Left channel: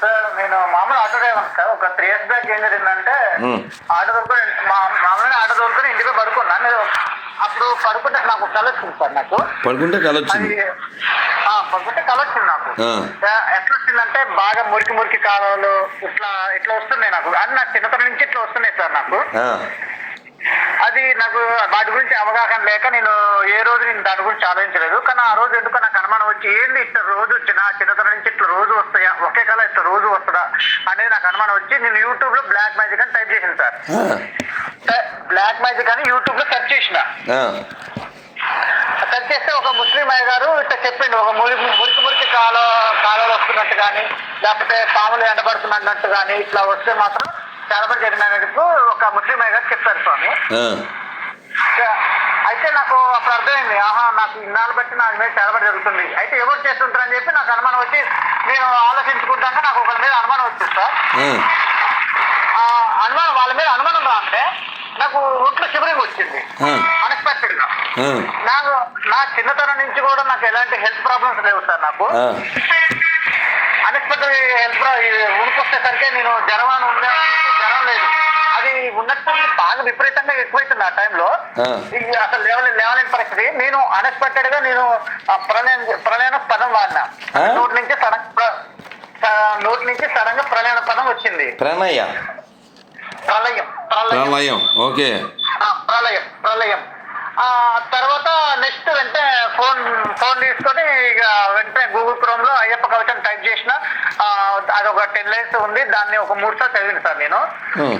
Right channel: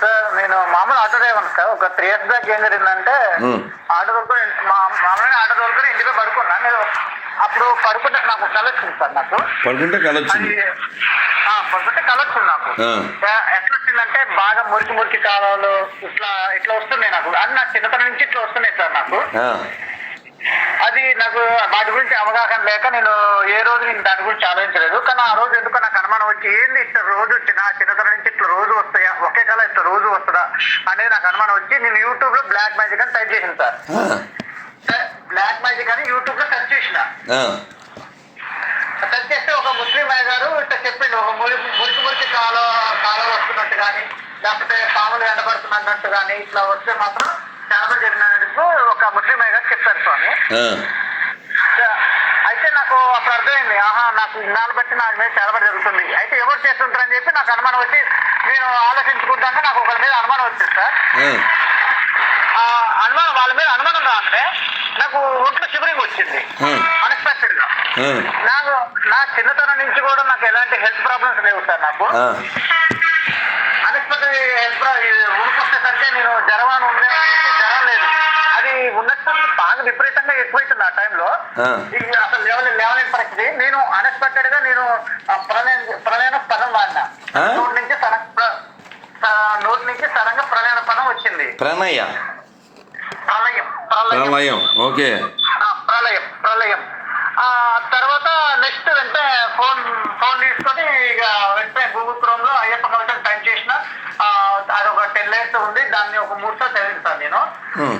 Sir నేను మామూలు auto driver sir. ఒక త్రీ ఇయర్స్ బ్యాక్ ఏం జరిగిందంటే. ఆటో దొరుకుని మా మామూలుగా ఆటో దొరుకుని ఇంటిలో పడుకున్నా. నేను అప్పుడు పడుకుంటే నాకు కళ వచ్చింది సార్ నాకు. పడుకుంటే కల వచ్చింది. పడుకుంటే కళ వచ్చింది నాకు. ఎట్లా వచ్చిందంటే బాగా మురికి మురికి కాలువలు ఇట్లా ఇట్లా వస్తున్నాయి నాకు. అది నాకు చిన్నతనం నుంచి ఇట్లా వస్తున్నాయి సార్ నాకు. నాకు వాటి గురించి అవగాహన లేక నేను ఏ రోజు నేను దాని గురించి ఆలోచించలేదు. కానీ ఆ రోజు ఎందుకో నాకు అనుమానం వచ్చి ఏంది ఇట్లా రోజు వచ్చిన చిన్నతనం నుంచి ఇట్లా రోజు వస్తాయా? ఒకే కళ ఇట్లా రోజు వస్తుందా? అనేది నాకు అనుమానం వచ్చి నేను యూట్యూబ్లో బ్లాక్ మ్యాజిక్ అని టైప్ చేసిన సార్. బ్లాక్ మ్యాజిక్ అని యూట్యూబ్లో సెర్చ్ చేసిన. సెర్చ్ చేస్తే ఒక ముస్లిం అయ్య గారు ఇట్లా చెప్పిండు ఒక మురికి మురికి మురికి కాల కాలాలు వస్తున్నట్టు కానీ లేకపోతే పాములు ఎండబడుతున్నట్టు కానీ ఇట్లా వస్తే మాత్రం చాలా జరిగిన ఒక ముస్లిం అయ్య గారు చెప్పారు స్వామి. నాకు అప్పుడు అర్థమైంది. ఆహా నాకు ఇన్నాళ్ళు బట్టి నాకు మీద చాలా పడి జరుగుతుంది. అయితే ఎవరు చేస్తుంటారని చెప్పి నాకు అనుమానం వచ్చి నేను ఆలోచించుకుంటాక నాకు ఒకరి మీద అనుమానం వచ్చింది సార్. అనుమానం వాళ్ళ మీద అనుమానం అంటే నాకు ఒంట్లో శిబిరింగ్ వచ్చింది. అన్ఎక్స్పెక్టెడ్గా. నాకు నా చిన్నతనం నుంచి కూడా నాకు ఎలాంటి హెల్త్ ప్రాబ్లమ్స్ లేవు సార్ నాకు. అన్ఎక్స్పెక్టెడ్ హెల్త్ ఉనికొచ్చేసరికి నేను జ్వరం అని ఉండే జ్వరం లేదు అది ఉన్నట్టు బాగా విపరీతంగా ఎక్కువైతుంది ఆ టైంలో. అసలు లేవలే లేవలేని పరిస్థితి. నేను అన్ఎక్స్పెక్టెడ్గా నేను ప్రళయం ప్రళయన పదం వాడినా? నోటి నుంచి సడన్ నోటి నుంచి సడన్గా ప్రళయన పదం వచ్చింది. ప్రణయ్య ప్రళయం ప్రళయం. ఓకే. ప్రళయం ప్రళయం. ఆ తర్వాత నెక్స్ట్ వెంటనే ఫోన్ ఫోన్ తీసుకొని ఇక వెంటనే గూగుల్ క్రోమ్లో అయ్యప్ప కవచం టైప్ చేసిన ఆ, అది ఒక టెన్ లైన్స్ ఉంది దాన్ని ఒక మూడు సార్లు చదివిన సార్ నేను.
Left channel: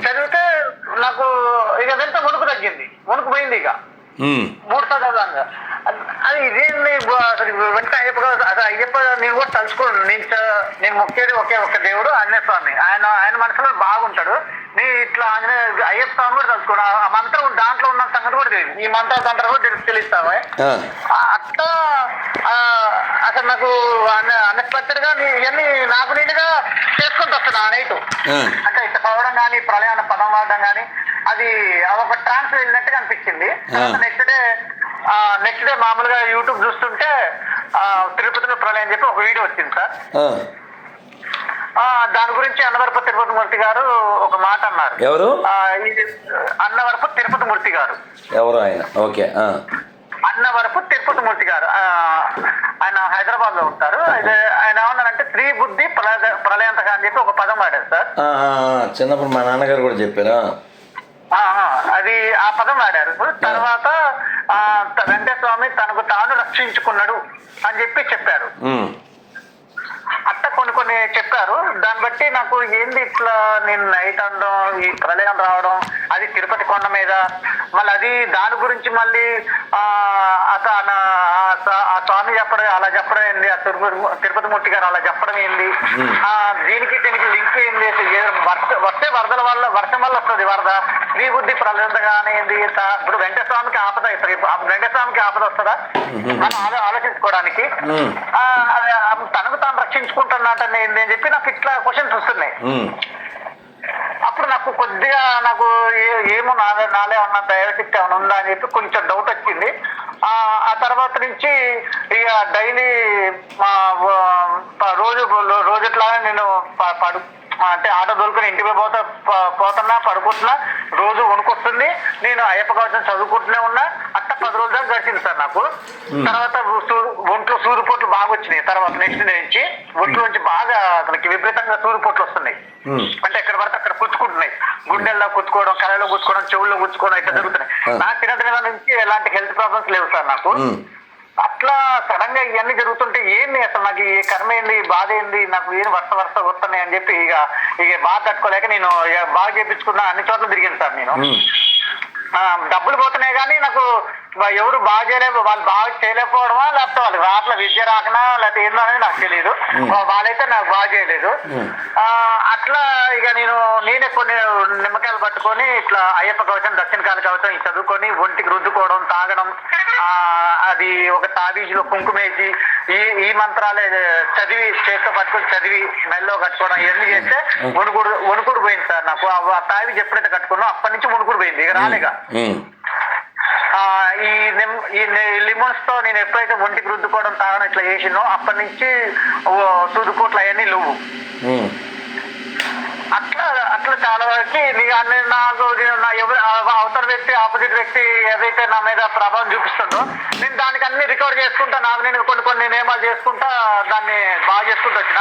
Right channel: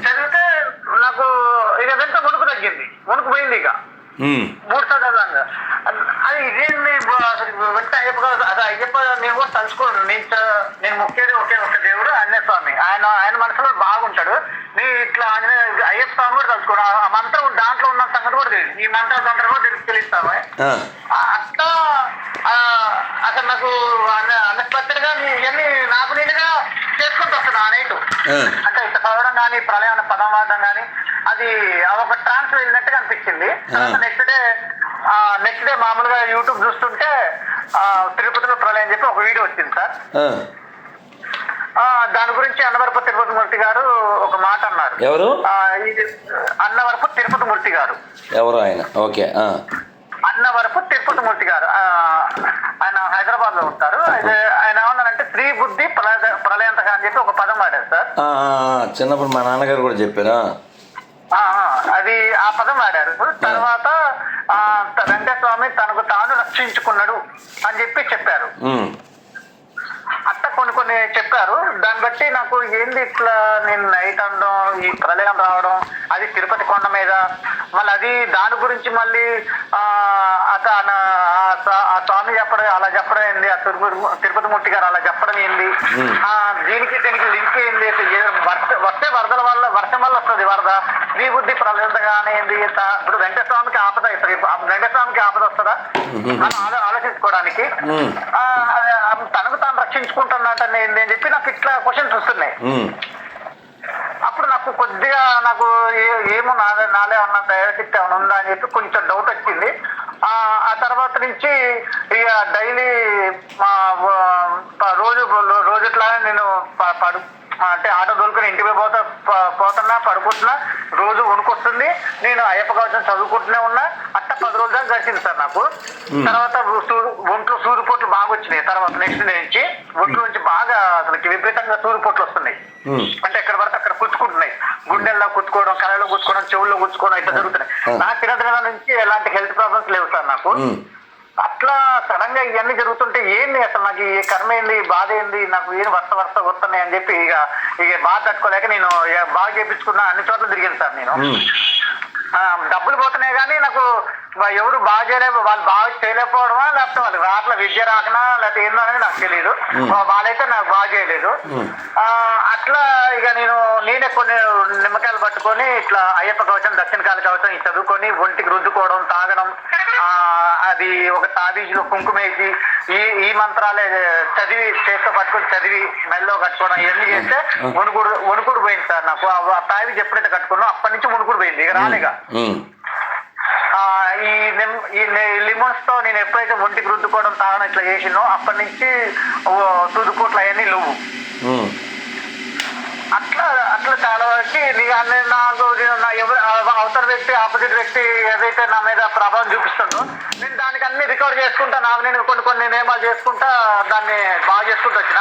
చదివితే నాకు ఇక వెంటనే వణుకు తగ్గింది వణుకు పోయింది ఇక. మూడు సార్లు చదవంగా అది ఇదేంటి బా- అసలు వెంటనే అయ్యప్ప అయ్యప్ప నేను కూడా తలుచుకోను నేను నేను మొక్కేది ఒకే ఒక్క దేవుడు ఆంజనేయ స్వామి. ఆయన ఆయన మనసులో బాగుంటాడు. నీ ఇట్లా ఆంజనేయ అయ్యప్ప స్వామి కూడా తలుచుకోను ఆ మంత్రం దాంట్లో ఉన్న సంగతి కూడా తెలియదు. ఈ మంత్ర తంత్రం కూడా తెలుసు తెలుస్తామే అట్లా అసలు నాకు అన్ఎక్స్పెక్టెడ్గా నీ- ఇవన్నీ నాకు నేనుగా ఆ, అంటే ఇట్లా చదవడం కానీ ప్రళయాన పదం వాడడం కానీ అది ఒక ట్రాన్స్ వెళ్ళినట్టుగా అనిపించింది. నెక్స్ట్ డే నెక్స్ట్ డే మామూలుగా యూట్యూబ్ చూస్తుంటే తిరుపతిలో ప్రళయం చెప్పి ఒక వీడియో వచ్చింది సార్. దాని గురించి అన్నవరపు తిరుపతి మూర్తి గారు ఒక మాట అన్నారు. ఎవరు? అన్నవరపు తిరుపతి మూర్తి గారు. ఎవరు ఆయన? ఓకే అన్నవరపు తిరుపతి మూర్తి గారు ఆయన హైదరాబాద్లో ఉంటారు. అయితే ఆయన ఏమన్నారంటే స్త్రీ బుద్ధి ప్రళయ ప్రళయంతగా అని చెప్పి ఒక పదం వాడారు సార్ ఆ, ఆ, ఆ, చిన్నప్పుడు మా నాన్నగారు కూడా చెప్పారా? ఆహా, అది ఆ పదం వాడారు. తర్వాత ఆ, త- వెంకటేశ్వర స్వామి తనకు తాను రక్షించుకున్నాడు అని చెప్పి చెప్పారు. అట్ట కొన్ని కొన్ని చెప్పారు. దాన్ని బట్టి నాకు ఏంది ఇట్లా నేను నైట్ అనడం ఈ ప్రళయం రావడం అది తిరుపతి కొండ మీద. మళ్ళీ అది దాని గురించి మళ్ళీ ఆ స్వామి చెప్పడం అలా చెప్పడం ఏంది? ఆ తిరుపతి తిరుపతి మూర్తి గారు అలా చెప్పడం ఏంది? ఆ దీనికి దీనికి లింక్ ఏంది? వర్ష వస్తే వరదల వల్ల వర్షం వల్ల వస్తుంది వరద. నీ బుద్ధి త- ఇప్పుడు వెంకటేశ్వర స్వామికి ఆపద ఇప్పుడు వెంకటేశ్వర స్వామికి ఆపద వస్తుందా? మనం ఆలో- ఆలోచించుకోవడానికి. తనకు తాను రక్షించుకుంటున్నట్టు ఏంది అని చెప్పి నాకు ఇట్లా క్వశ్చన్స్ వస్తున్నాయి. అప్పుడు నాకు కొద్దిగా నాకు ఏమో నాదే నాలే ఉన్న దైవశక్తి ఏమైనా ఉందా అని చెప్పి కొంచెం డౌట్ వచ్చింది. ఆ ఆ తర్వాత నుంచి ఇక డైలీ ప- రోజు రోజుట్లానే నేను పడు అంటే ఆటో దొరుకుని ఇంటికి పోతా పోతున్నా పడుకుంటున్నా రోజు వణుకొస్తుంది. నేను అయ్యప్ప కవచం చదువుకుంటూనే ఉన్నా. అట్ట పది రోజుల దాకా గడిచింది సార్ నాకు. తర్వాత ఒంట్లో సూరిపోట్లు బాగా వచ్చినాయి. తర్వాత నెక్స్ట్ నుంచి ఒంట్లో నుంచి బాగా అసలుకి విపరీతంగా సూరిపోట్లు వస్తున్నాయి. అంటే ఎక్కడ పడితే అక్కడ కుచ్చుకుంటున్నాయి. గుండెల్లో కుచ్చుకోవడం కళలో కుచ్చుకోవడం చెవుల్లో కుచ్చుకోవడం ఇట్లా జరుగుతున్నాయి. నా చిన్నతనం నుంచి ఎలాంటి హెల్త్ ప్రాబ్లమ్స్ లేవు సార్ నాకు. అట్లా సడన్గా ఇవన్నీ జరుగుతుంటే ఏంది అసలు నాకు ఈ కర్మ ఏంది బాధ ఏంది నాకు ఏం వరుస వరుస వస్తున్నాయి అని చెప్పి ఇక ఇక బాధ తట్టుకోలేక నేను బాగా చేపించుకున్నా అన్ని చోట్ల తిరిగాను సార్ నేను. డబ్బులు పోతున్నాయి కానీ నాకు ఎవరు బాగా చేయలేక వాళ్ళు బాగా చేయలేకపోవడమా లేకపోతే వాళ్ళకి రాట్ల విద్య రాకనా లేకపోతే ఏందో అనేది నాకు తెలియదు వాళ్ళైతే నాకు బాగా చేయలేదు. ఆ, అట్లా ఇక నేను నేనే కొన్ని నిమ్మకాయలు పట్టుకొని ఇట్లా అయ్యప్ప కవచం దక్షిణ కాల కవచం చదువుకొని ఒంటికి రుద్దుకోవడం తాగడం ఆ అది ఒక తాబీజులో కుంకుమేసి ఈ ఈ మంత్రాలే చదివి చేతితో పట్టుకొని చదివి మెల్లో కట్టుకోవడం ఇవన్నీ చేస్తే వణుకుడు వణుకుడు పోయింది సార్ నాకు. ఆ తాబీజ్ ఎప్పుడైతే కట్టుకున్నా అప్పటి నుంచి వణుకుడు పోయింది ఇక రాలేగా ఈ ఈ లిమోన్స్తో నేను ఎప్పుడైతే ఒంటికి రుద్దుకోవడం తాగడం ఇట్లా చేసినో అప్పటి నుంచి సూదుకోట్లు అవన్నీ లేవు. ఉమ్. అట్లా అట్లా చాలా వరకు నాకు ఎవరు అవతల వ్యక్తి ఆపోజిట్ వ్యక్తి ఏదైతే నా మీద ప్రభావం చూపిస్తుందో నేను దానికి అన్ని రికవర్ చేసుకుంటా నాకు నేను కొన్ని కొన్ని నియమాలు చేసుకుంటా దాన్ని బాగా చేసుకుంటూ వచ్చిన.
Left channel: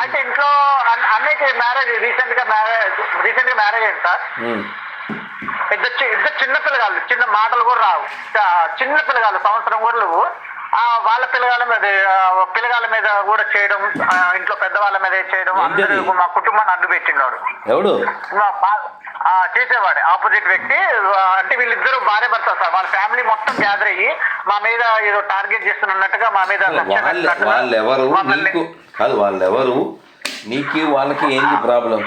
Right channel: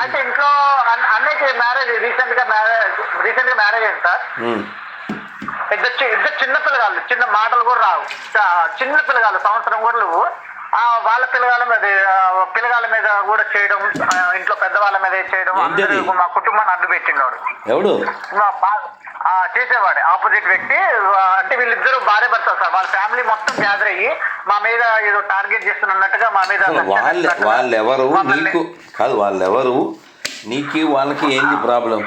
అయితే ఇంట్లో అన్- అన్నయ్యకి మ్యారేజ్ రీసెంట్గా మ్యారేజ్ రీసెంట్గా మ్యారేజ్ అయింది సార్. ఇద్దరు ఇద్దరు చిన్న పిల్లగాళ్ళు చిన్న మాటలు కూడా రావు. చిన్న పిల్లగాళ్ళు సంవత్సరం కూడా ఆ వాళ్ళ పిల్లగాళ్ళ మీద ఆ, పిల్లగాళ్ళ మీద కూడా చేయడం ఇంట్లో పెద్దవాళ్ళ మీద చేయడం? అందరూ మా కుటుంబాన్ని అడ్డు పెట్టినాడు. ఎవడు? చేసేవాడే ఆపోజిట్ వ్యక్తి. అంటే వీళ్ళిద్దరు భార్య భర్త సార్. వాళ్ళ ఫ్యామిలీ మొత్తం గ్యాదర్ అయ్యి మా మీద ఏదో టార్గెట్ చేస్తున్నట్టుగా మా మీద వాళ్ళెవరు? నీకు కాదు వాళ్ళెవరు? నీకు వాళ్ళకి ఏంది ప్రాబ్లం